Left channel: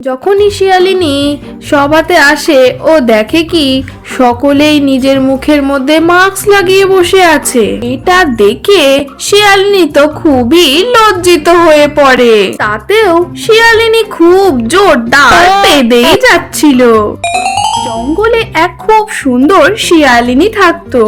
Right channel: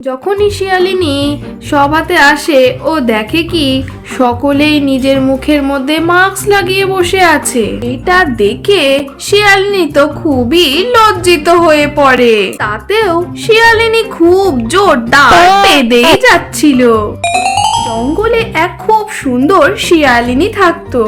যখনই শিয়ালিনী সভাতে আসে ও দেখে কি সকলেই নিজের মুখের মধ্যে মাস্ক লাগিয়ে বসে আছে। এটা দেখে শিয়ালিনী তো খুবই লজ্জিত হয়ে পড়ে। তাতেও শিয়ালিনী খুব জোরদার পেদেই যাচ্ছিল। জঙ্গলে এক খুব সুন্দর শিয়ালিনী থাকতো,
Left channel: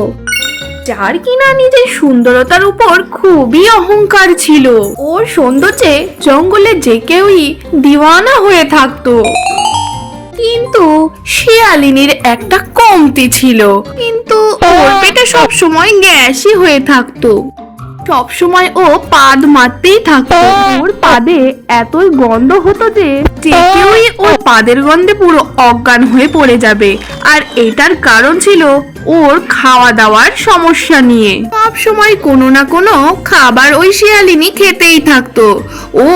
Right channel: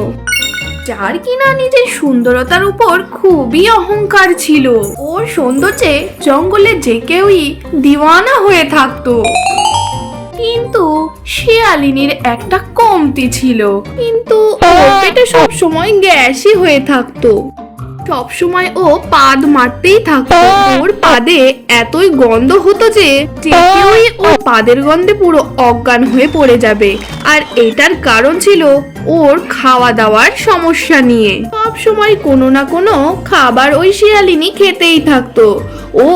যার কিনা নিজের সুন্দরতার উপর খুবই অহংকার ছিল। ওর সৌন্দর্যে জঙ্গলে যে কেউই দিওয়ানা হয়ে থাকতো। কিন্তু শিয়ালিনীর একটা কমতি ছিল, কিন্তু ওর পেটে সবসময় গ্যাসই হয়ে থাকতো। সবসময় ও পাদ মারতেই থাকতো। ওর পাদে এতই গন্ধ হতো যে কেউই ওর পাদের গন্ধে পুরো অজ্ঞান হয়ে পড়ে যাবে। আর এটার কারণ ছিল ওর খাওয়া দাওয়ার সমস্যা নিয়ে। সব সময় কোনো না কোনো খাবার ওই শিয়ালিনী খেতেই থাকতো। ও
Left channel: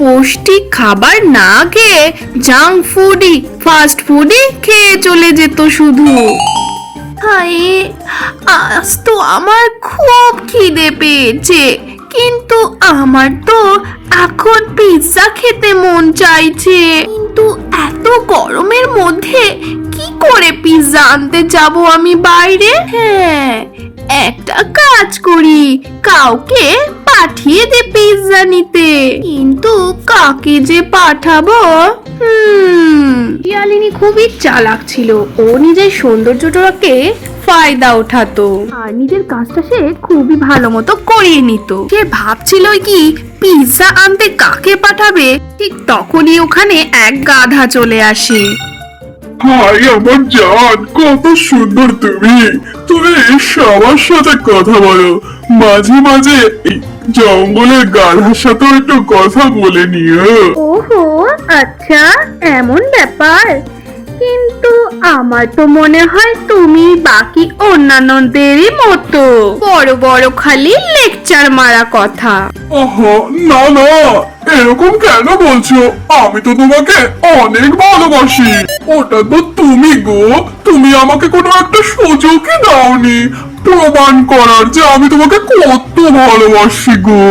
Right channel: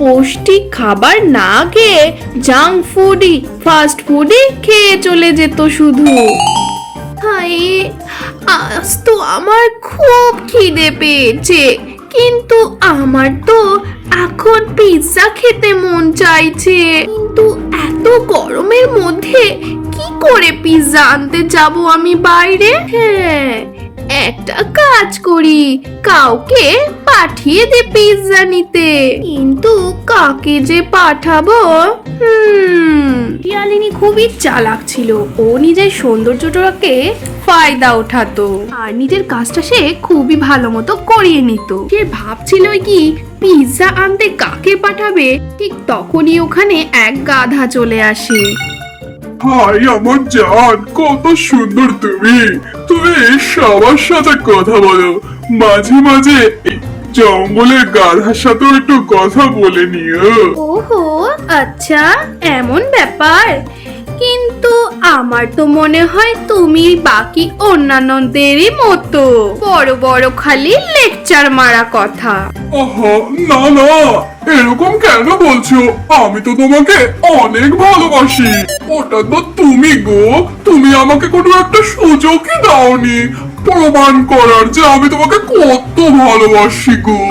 পৌষ্টিক খাবার না খেয়ে জাঙ্ক ফুডই, ফাস্ট ফুডই খেয়ে চলে যেত শুধু। হায়, আজ তো আমার খুব খিদে পেয়েছে, কিন্তু আমার তো এখন পিৎজা খেতে মন চাইছে। কিন্তু এত গরমের মধ্যে কি করে পিৎজা আনতে যাব আমি বাইরে? হ্যাঁ, একটা কাজ করি, কাউকে পাঠিয়ে দে পিৎজা নিতে। কিন্তু কাকে যে পাঠাবো? শিয়ালিনী খুবই চালাক ছিল। ও নিজের সৌন্দর্যটাকে ফায়দা ওঠাতো আর নিজের কাজটা সে খুবই ভালো মতো করিয়ে নিত। সে ভাবছিল কি পিৎজা আনতে কাকে পাঠাবে, ঠিক তখনই ওখানে এক গাধা চলে আসে। হাই আমার জান, কত সুন্দর তুমি। তুমি সবার সাথে কথা বলো, মাঝে মাঝে এই জঙ্গলের গাধার সাথে একটু কথা বলে নিও। ওহো, আচ্ছা এমন ব্যাপার। কিন্তু আমার তো মনে হয় তুমি বাকি অন্যান্যদেরই মতো বড় বড় খালি লেকচার মারা কথা। ওহো, না না, এরকম কেন বলছো? আমি তো তোমাকে অনেক ভালোবাসি। ওটা তো তুমি গো, তুমি আমাকে কোনো একটা সুযোগই দাওনি প্রমাণ করার যে আমি তোমাকে কত ভালোবাসি গো।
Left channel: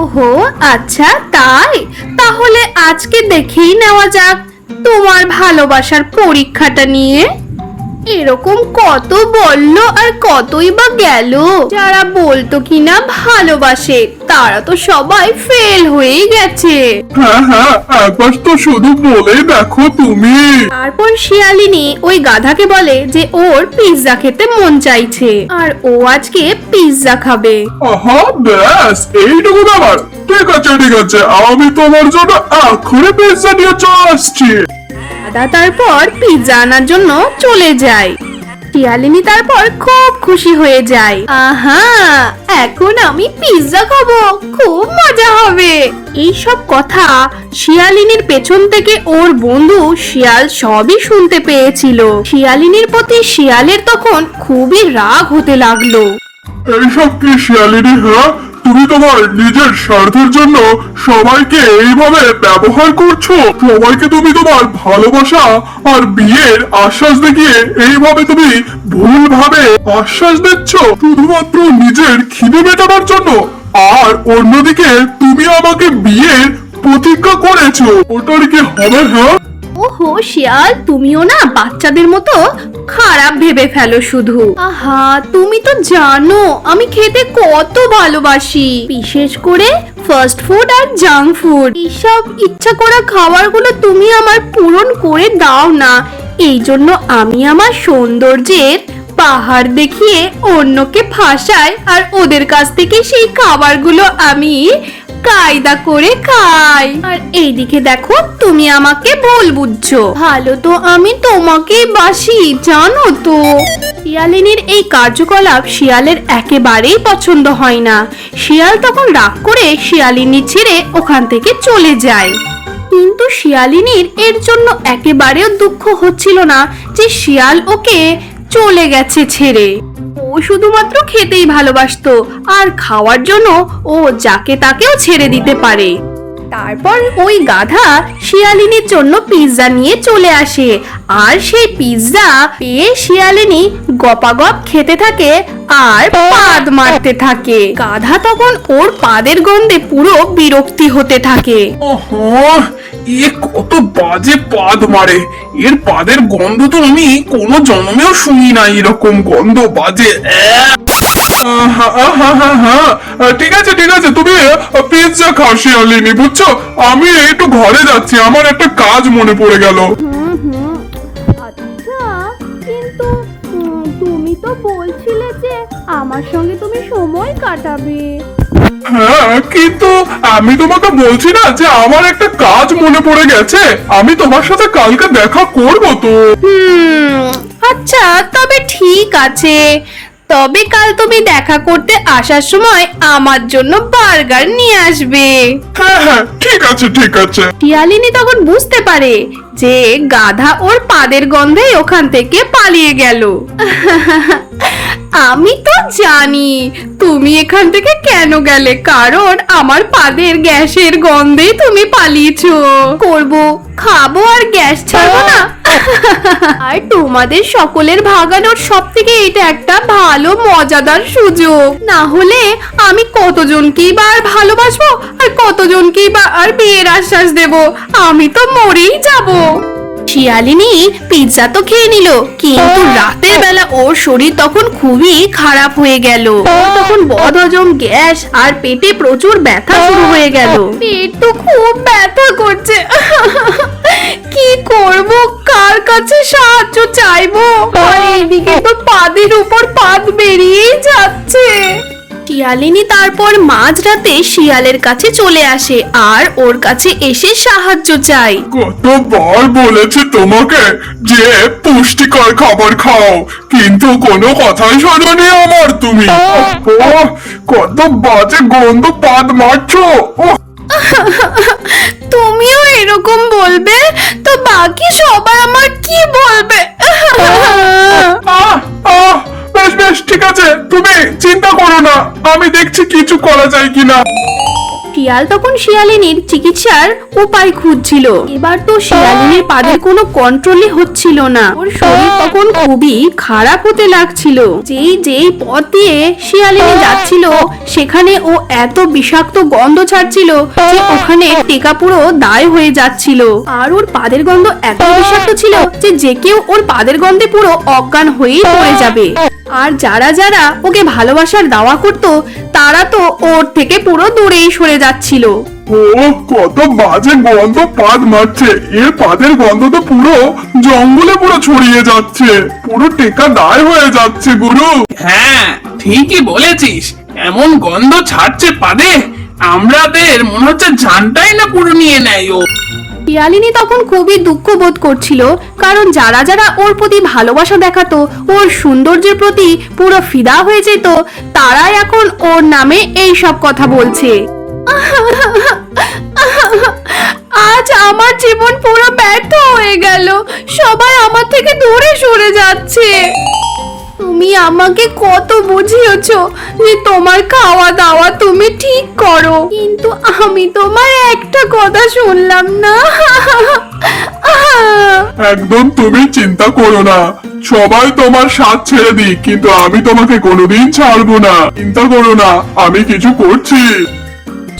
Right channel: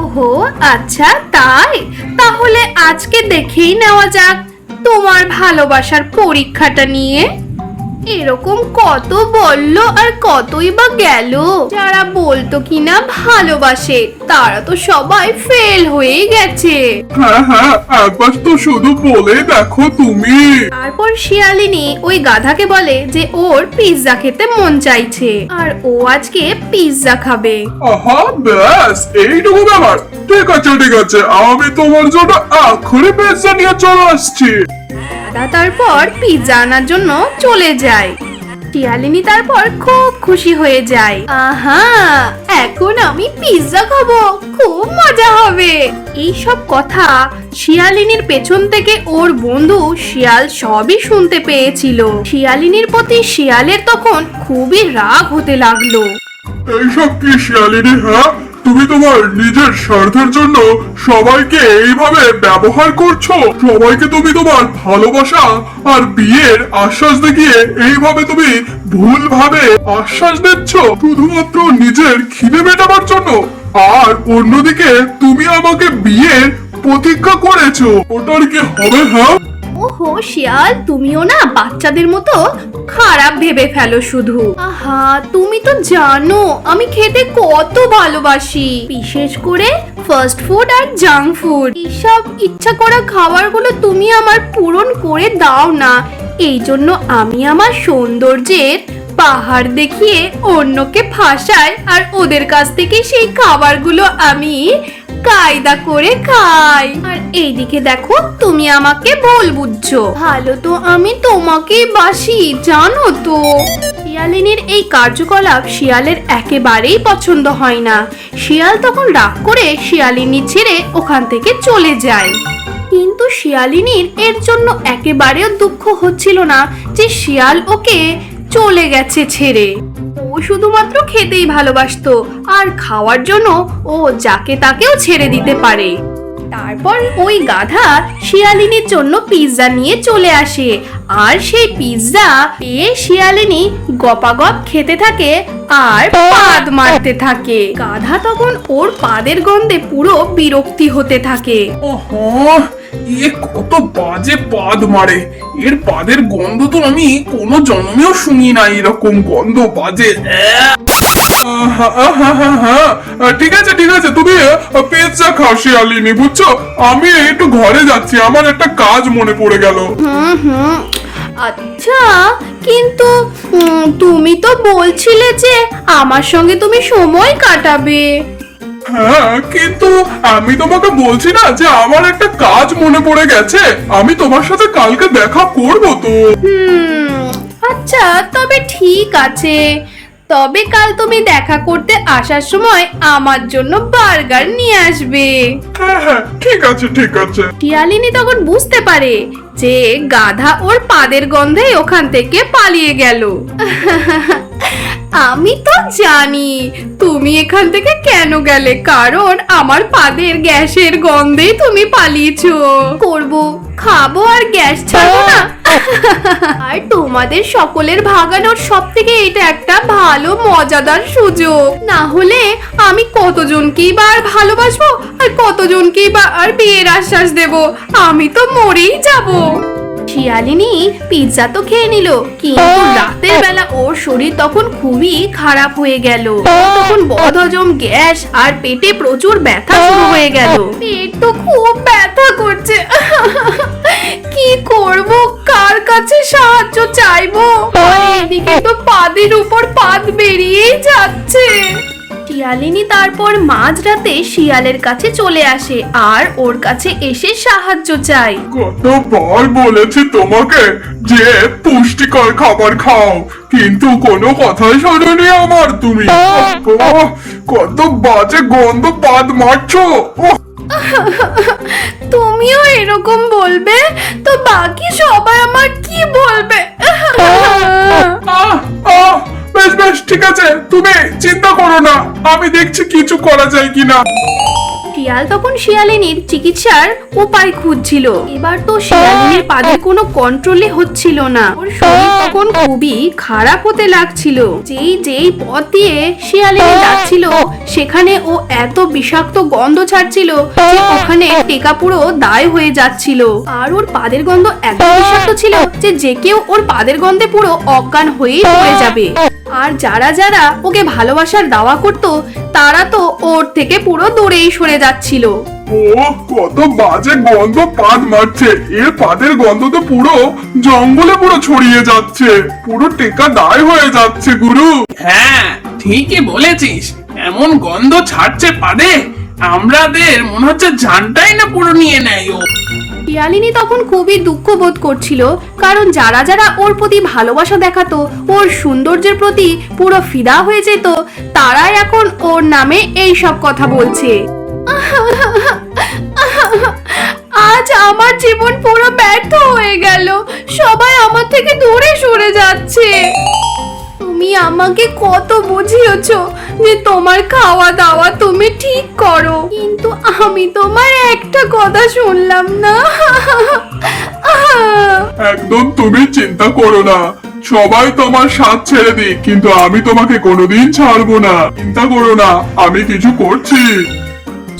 ওহো, আচ্ছা তাই? তাহলে আজকে দেখেই নেওয়া যাক তোমার ভালোবাসার পরীক্ষাটা নিয়ে। এরকম কত বললো আর কতই বা গেল। যারা বলতো কিনা ভালোবাসে তারা তো সবাই ফেল হয়ে গেছে। হ্যাঁ হ্যাঁ, একবার তো শুধু বলেই দেখো তুমি। তারপর শিয়ালিনী ওই গাধাকে বলে যে ওর পিৎজা খেতে মন চাইছে আর ও আজকে পিৎজা খাবে। আহা, ব্যাস এইটুকু ব্যাপার। ঠিক আছে ঠিক আছে, আমি তোমার জন্য এখনই পিৎজা নিয়ে চলে আসছি। দাদা তারপর পিৎজা আনার জন্য চলে যায়। শিয়ালিনী তারপর খুব খুশি হয়ে যায়। আহা, এখন আমি পিৎজা খাবো, খুব মজা হবে। এই সব কথা শিয়ালিনীর পেছন থেকে ওর বন্ধু শিয়াল সবই শুনতে পেয়েছিল। শিয়ালিনীর প্রতি শিয়ালের তখন খুবই রাগ হতে লাগলো। এইসব কি শিয়ালিনী? হ্যাঁ, তুমি তোমার নিজের স্বার্থের জন্য সবাইকে এইভাবে ব্যবহার করছো। সবাইকে তুমি তোমার ভালোবাসা আর বিয়ের আশ্বাস দেখিয়ে এইভাবে তুমি ভুলভাবে আশ্বাস দিচ্ছ শুধুমাত্র নিজের খিদে মেটাবার জন্য। আর অন্যদিকে তুমি আমাকে বিয়ের প্রতিজ্ঞা করেছো, ওটার কি হবে? হ্যাঁ, ওহো শিয়াল, তুমিও না বাচ্চাদের মতো খারাপ ভেবে ফেলো শুধু। আহা, তুমি তো জানো আমি খেতে কত ভালোবাসি, বিশেষ করে ফাস্ট ফুড আর জাঙ্ক ফুড। এইসব ইচ্ছা করা খাবারগুলো তুমি আমার পূরণ করে দাও না। এই জন্য আমি আমার সৌন্দর্যের পাহাড় দেখিয়ে অন্যকে ফাঁসাই আর ওদের কাছ থেকে সেই খাবারগুলো আমি কায়দা করে খাই। আর এইদিকে দেখো তুমি আমাকে ভুল বুঝছো, ভালো তো আমি তোমাকেই বাসি, জানো তো। শিয়ালিনীর এই কার্যকলাপ শিয়ালের একেবারেই পছন্দ হয় না। শিয়াল তখন রাগ করে শিয়ালিনী ছেড়ে ওখান থেকে চলে যায়। কিন্তু শিয়ালিনীর এর জন্য একেবারেও দুঃখ হচ্ছিল না যে শিয়াল ওকে চলে গেছে ছেড়ে। ও শুধুমাত্র খেতেই ভালোবাসতো আর খাওয়ার জন্য ও যাকে তাকেও ছেড়ে দিতে পারে। তারপর ওই গাধা শিয়ালিনীর জন্য পিৎজা নিয়ে চলে আসে, আর সেই পিৎজা পেয়ে শিয়ালিনী গপাগপ খেতে থাকে আর পাদ মারতে থাকে। গাধা তখন ওর পাদের গন্ধে পুরো বিরক্তি হতে থাকে। ওহো, এ কত বাজে পাদ মারে! এর পাদের গন্ধ তো আমি কোনো জন্মেও শুনি না, এরকম গন্ধ বাজে। ঠিক আছে ঠিক আছে, তুমি পিৎজা খাও শিয়ালিনী, বুঝছো? আমি একটু ঘরে যাচ্ছি, আমার একটা কাজ মনে পড়ে গেল। আচ্ছা, কিন্তু তুমি তো বলছিলে যে আমার সঙ্গে তুমি সময় কাটাবে। হ্যাঁ, কিন্তু আমি তোমাকে বলছি না যে আমার একটা কাজ মনে পড়ে গেছে, আমি তোমার সাথে কালকে দেখা করবো তো। আচ্ছা, তবে ঠিক আছে। তবে কাল তুমি দেখা করতে আসার সময় আমার জন্য বার্গার নিয়ে আসবে। হ্যাঁ হ্যাঁ, ঠিক আছে ঠিক আছে। শিয়ালিনী তখন বুঝতে পারে যে গাধা ওর পাদের গন্ধেই ওখান থেকে পালিয়ে গেল। আমি তো জানি তুমি এখান থেকে কেন গেলে, কারণ আমার পাদের গ্যাসের গন্ধেই তুমি পালিয়েছো। করব, খাবো আর গ্যাস ছাড়বো না। আর তোমাদের সকলের ভাগানোর সব থেকে এটা একটা ভালো মজাদার সুযোগ। না হলে আমি কতজনকেই বা আর ভালোবাসবো আর কতজনকেই বা আর বিয়ের আশ্বাস দেব, আমি তো মরেই যাব। শিয়ালিনী পিৎজা তো খেয়ে নিল, কিন্তু রাতের বেলা ওর শরীর তখন খুবই খারাপ হয়ে গেল। তখন বদহজম, গ্যাস আর পেটে প্রচুর ব্যথা শুরু হয়ে গেল। পেট তো খুব ব্যথা করছে। কি করব, কার কাছে সাহায্য চাইবো? এদিকে তো পাদের উপর পাদ বেরিয়েই যাচ্ছে। শিয়ালিনী তারপর মাঝরাতে শিয়ালের কাছে চলে আসে আর ওর কাছে এসে সাহায্য চায়। কতবার বলেছি তোমাকে যে পুষ্টিকর খাবার খাও, কিন্তু কোনো কথাই শোনোনি আমার তুমি। ওহ, কত বাজে গন্ধ পাদ মারছো। ওহ, তুমিও এরকম বলবে তো বাকি সবাই আমার কি বলবে? আহ, আহ, বেশ বেশ ঠিক আছে, তুমি চিন্তা করো না, আমি দেখছি কিছু করা যায় কিনা। শিয়াল তখন শিয়ালিনীর চিকিৎসার উপায় খুঁজছিল। এবার তো শিয়ালিনীর পাদের কোনো কন্ট্রোলই হচ্ছিল না। ওর শরীর তখন খুবই খারাপ হতে লাগছিল। যেই যেই পথ দিয়ে শিয়ালিনী যাচ্ছিল সেখানে ও এত বিষাক্ত গন্ধ ছাড়ছিল যে ওখানে টেকা পুরো দায় হয়ে যাচ্ছিল। আর ওর পাদের গন্ধ এত বিষাক্ত ছিল যে যে কেউ ওর পাদের গন্ধে পুরো অজ্ঞান হয়েই পড়ে যাবে। আর যারা যারা ওকে ভালোবাসার দাওয়া করতো তারা তো ওর থেকে পুরো দূরেই সরে যাচ্ছিল। ও, কত বাজে গন্ধ পাদ মারছে! এর পাদের গন্ধ তো পুরো জঙ্গলে পুরো ছড়িয়ে যাচ্ছে, পুরো টেকা দায় হয়ে যাচ্ছে গুরু। হ্যাঁ, ঠিকই বলেছিস, এমন গন্ধ ছাড়ছে পাদে, আমাদের মনে হচ্ছে জানটাই না পুরো নিয়ে নেয় ও। শিয়ালিনী তখন খুবই দুঃখ বোধ করছিল, কারণ যারা যারা ওর প্রতি ভালোবাসা দেখাতো, ওর সৌন্দর্যের প্রতি পুরো ফিদা হয়ে যেত, তারাই এখন ওর নামে এই সব কথা বলছে। আজ আমার জীবন পুরো ব্যর্থ হয়ে গেল, সবাই আমার থেকে দূরে সরে যাচ্ছে। তুমি আমাকে কত বুঝিয়েছো যে তোমার খাওয়া দাওয়া তুমি ঠিক করো, কিন্তু আমি তোমার একটা কথা শুনলাম না। একদম তুমি চিন্তা করো না, সবাই তোমার সাথ ছেড়ে দিক, কিন্তু আমি তোমাকে কোনোদিন ছাড়বো না। চিন্তা করো না, আমি কিছু করছি।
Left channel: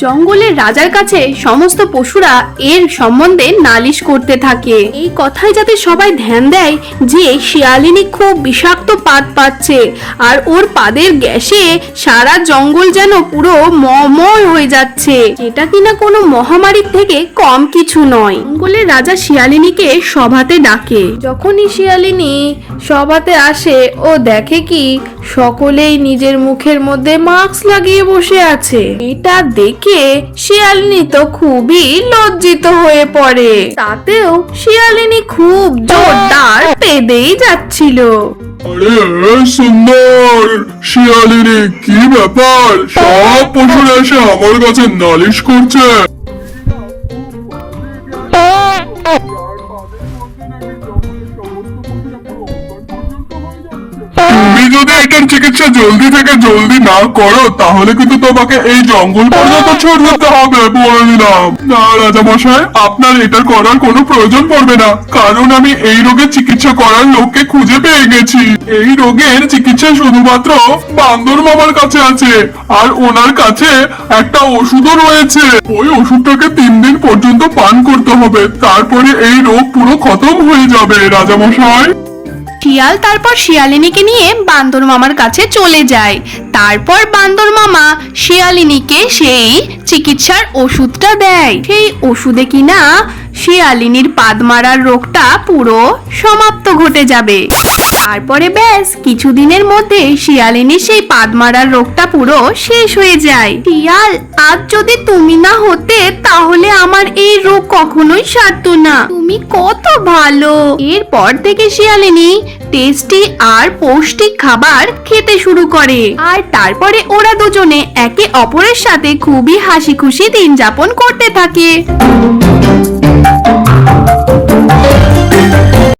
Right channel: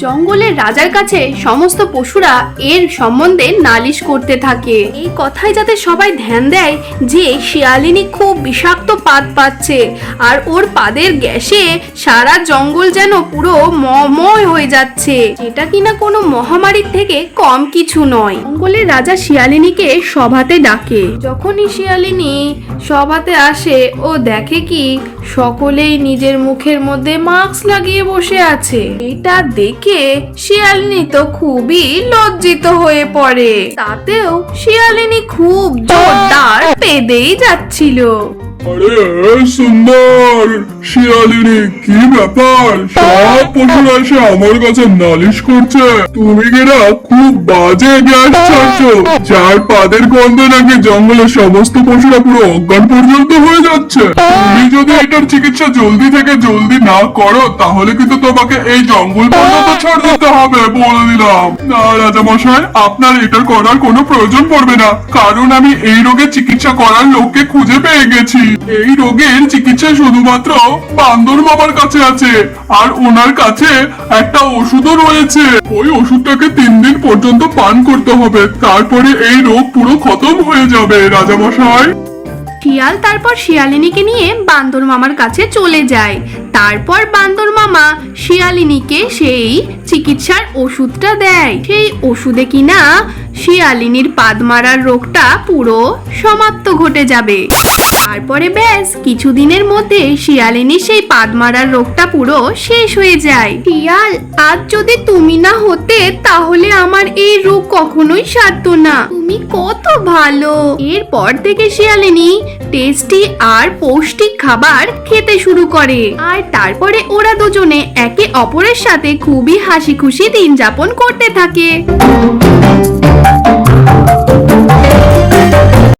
জঙ্গলের রাজার কাছে সমস্ত পশুরা এর সম্বন্ধে নালিশ করতে থাকে। এই কথায় যাতে সবাই ধ্যান দেয় যে শিয়ালিনী খুব বিষাক্ত পাদ পাচ্ছে আর ওর পাদের গ্যাসে সারা জঙ্গল যেন পুরো মময় হয়ে যাচ্ছে, এটা কিনা কোনো মহামারীর থেকে কম কিছু নয়। জঙ্গলের রাজা শিয়ালিনীকে সভাতে ডাকে। যখনই শিয়ালিনী সভাতে আসে ও দেখে কি সকলেই নিজের মুখের মধ্যে মাস্ক লাগিয়ে বসে আছে। এটা দেখে শিয়ালিনী তো খুবই লজ্জিত হয়ে পড়ে। তাতেও শিয়ালিনী খুব জোরদার পেদেই যাচ্ছিল। আরে সুন্দর শিয়ালিনী, কি ব্যাপার? সব পশুরা এসে আমার কাছে নালিশ করছে তুমি কিনা খুব বাজে গ্যাস ছাড়ছো, যার পাদের গন্ধে নাকি জঙ্গলের সমস্ত পশুরা পুরো অজ্ঞান পর্যন্ত হয়ে যাচ্ছে। তুমি যদি এটার চিকিৎসা জলদি থেকে জলদি না করো তাহলে কিন্তু তোমাকে এই জঙ্গল পর্যন্ত ছুট দিতে হবে বলে দিলাম। না রাজা মশাই, আপনার এটা করার কোনো প্রয়োজন পড়বে না, কারণ আমি এই রোগের চিকিৎসা করার লোককে খুঁজে পেয়ে গেছি। এই রোগের চিকিৎসা শুধুমাত্র বান্দর মামার কাছে আছে, আর ওনার কাছে একটা ওষুধও রয়েছে। ওই ওষুধটাকে 3 দিন পর্যন্ত পান করতে হবে, তারপরে এই রোগ পুরো খতম হয়ে যাবে রাজা মশাই। শিয়াল তারপর শিয়ালিনীকে নিয়ে বান্দর মামার কাছে চলে যায়। তারপর বান্দর মামা শিয়ালিনীকে সেই চিকিৎসার ওষুধটা দেয়। সেই ওষুধে কিনা শিয়ালিনীর পাদ মারার রোগটা পুরো সমাপ্ত ঘটে যাবে। তারপরে ব্যাস কিছুদিনের মধ্যে শিয়ালিনীর সেই পাদ মারার রোগটা পুরো শেষ হয়ে যায়। শিয়াল, আজ যদি তুমি না হতে তাহলে আমার এই রোগ কখনোই সারতো না। তুমি কত ভালো। এরপর থেকে শিয়ালিনী টেস্টি আর পৌষ্টিক খাবার খেতে শুরু করে, আর তারপরে ওরা দুজনে একে অপরের সাথে খুবই হাসি খুশি দিন যাপন করতে থাকে।